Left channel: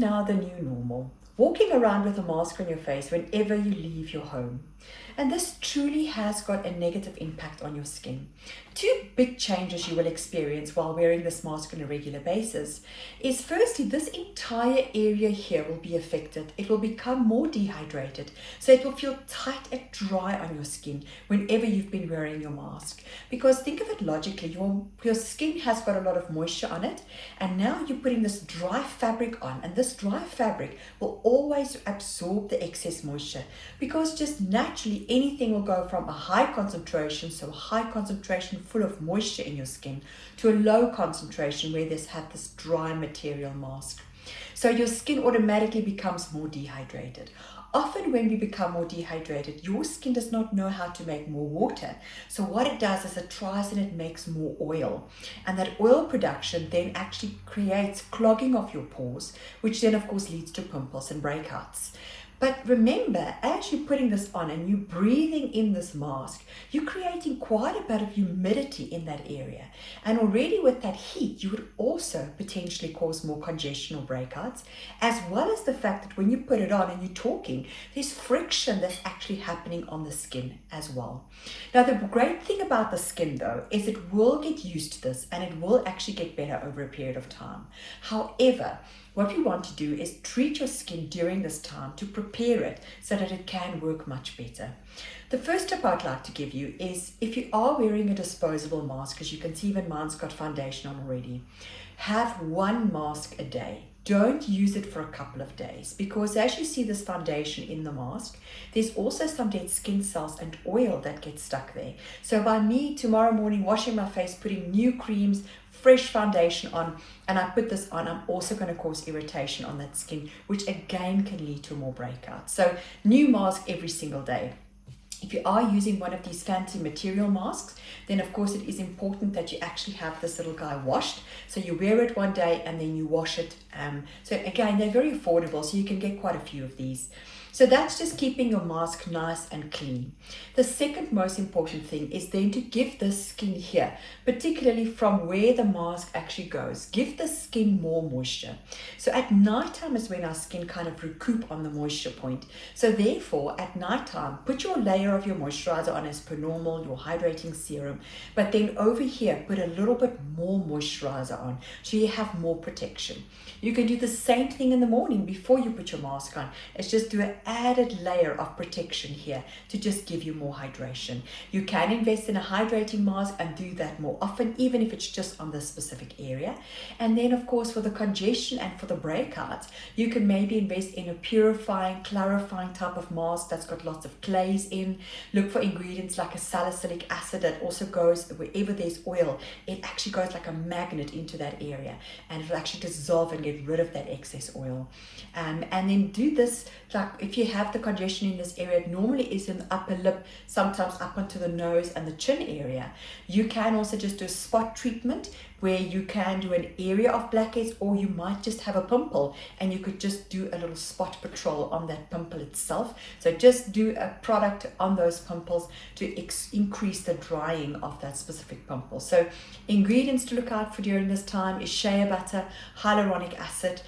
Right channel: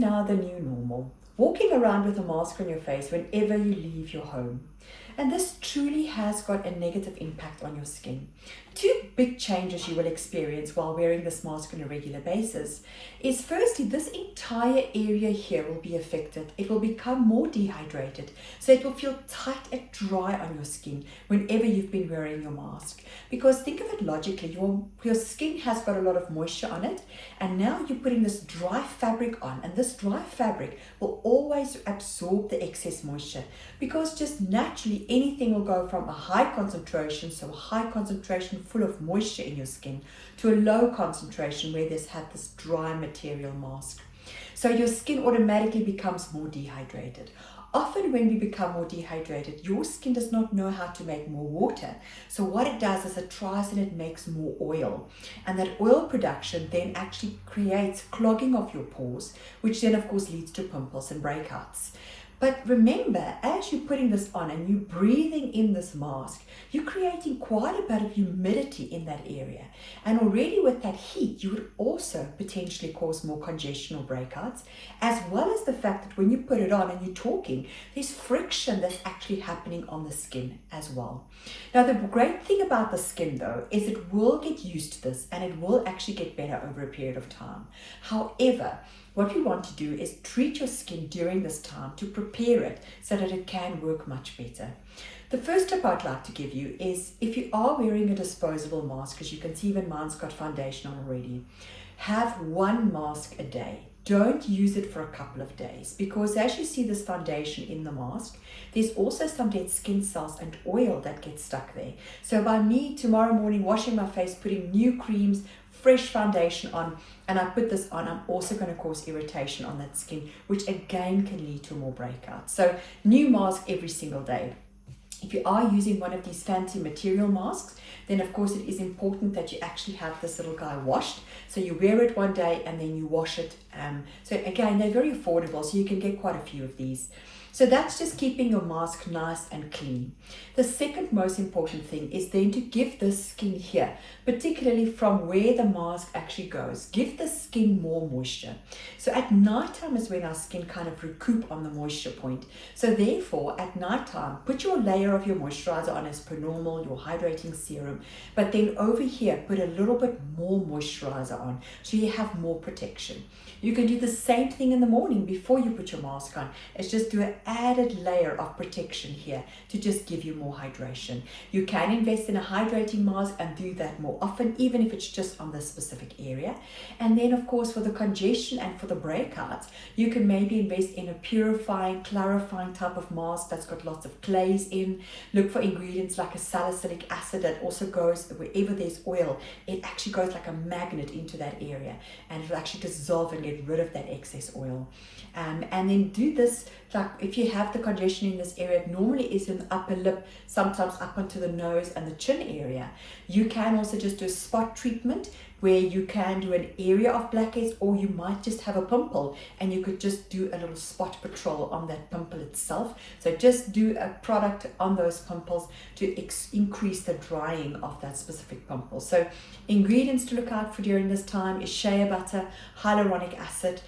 now the new normal. Walking around with a mask on your face whenever you leave your home. And this truly has got a negative impact on your skin. Two big changes you will experience while wearing this mask on a regular basis is firstly, this entire area here will be affected. It will become more dehydrated. So it will feel tight and dry on your skin whenever you've been wearing your mask. Because think of it logically, your skin has got a lot of moisture on it, and now you're putting this dry fabric on, and this dry fabric will always absorb the excess moisture, because just naturally anything will go from a high concentration, so a high concentration full of moisture in your skin, to a low concentration where there's had this dry material mask. So your skin automatically becomes more dehydrated. Often when we become more dehydrated, your skin does not know how to make more water. So what it does is it tries and it makes more oil. And that oil production then actually creates clogging of your pores, which then of course leads to pimples and breakouts. But remember, as you're putting this on and you're breathing in this mask, you're creating quite a bit of humidity in that area. And already with that heat, you would also potentially cause more congestion or breakouts, as well as the fact that when you put it on and you're talking, there's friction that's actually happening on the skin as well. Now, the great thing about the skin though, is it will get used to this and it will actually get better over a period of time. However, what we want to do is treat your skin during this time to prepare it so that it can work much better. The first tip I'd like to give you is, if you are wearing a disposable mask, as you can see even mine's got foundation on already, have one mask a day. Don't use it for a couple of days, because as you see this foundation in the mask, there's also some dead skin cells and oil that gets stuck there. So by me tomorrow morning washing my face, putting new creams, fresh foundation on, and I put this on, I'm also going to cause irritation on that skin, which again can lead to more breakouts. So new mask every single day. If you are using one of these fancy material masks, then of course it is important that you actually have this little guy washed. So you wear it one day and then you wash it. So again, they're very affordable, so you can get quite a few of these. So that's just keeping your mask nice and clean. The second most important thing is then to give the skin here, particularly from where the mask actually goes, give the skin more moisture. So at nighttime is when our skin kind of recoup on the moisture point. So therefore at nighttime, put your layer of your moisturizer on as per normal, your hydrating serum, but then over here, put a little bit more moisturizer on so you have more protection. You can do the same thing in the morning before you put your mask on. It's just do an added layer of protection here to just give you more hydration. You can invest in a hydrating mask and do that more often, even if it's just on this specific area. And then of course for the congestion and for the breakouts, you can maybe invest in a purifying, clarifying type of mask that's got lots of clays in. Look for ingredients like a salicylic acid that also goes wherever there's oil. It actually goes like a magnet into that area, and it'll actually dissolve and get rid of that excess oil. And then do this, like if you have the congestion in this area, it normally is in the upper lip, sometimes up onto the nose and the chin area. You can also just do a spot treatment where you can do an area of blackheads, or you might just have a pimple and you could just do a little spot patrol on that pimple itself. So just do a product on those pimples to increase the drying of that specific pimple. So ingredients to look out for during this time is shea butter, hyaluronic acid,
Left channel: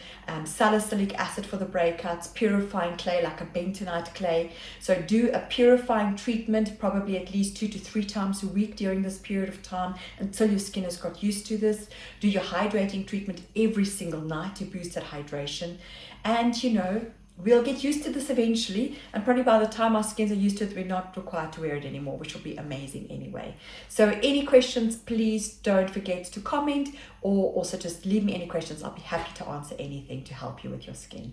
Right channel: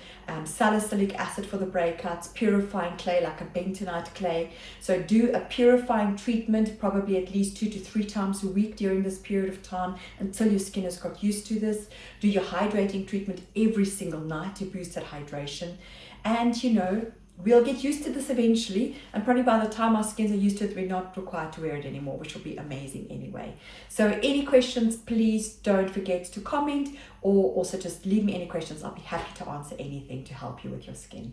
salicylic acid for the breakouts, purifying clay like a bentonite clay. So do a purifying treatment probably at least 2 to 3 times a week during this period of time until your skin has got used to this. Do your hydrating treatment every single night to boost that hydration. And you know, we'll get used to this eventually, and probably by the time our skins are used to it, we're not required to wear it anymore, which will be amazing anyway. So any questions, please don't forget to comment, or also just leave me any questions. I'll be happy to answer anything to help you with your skin.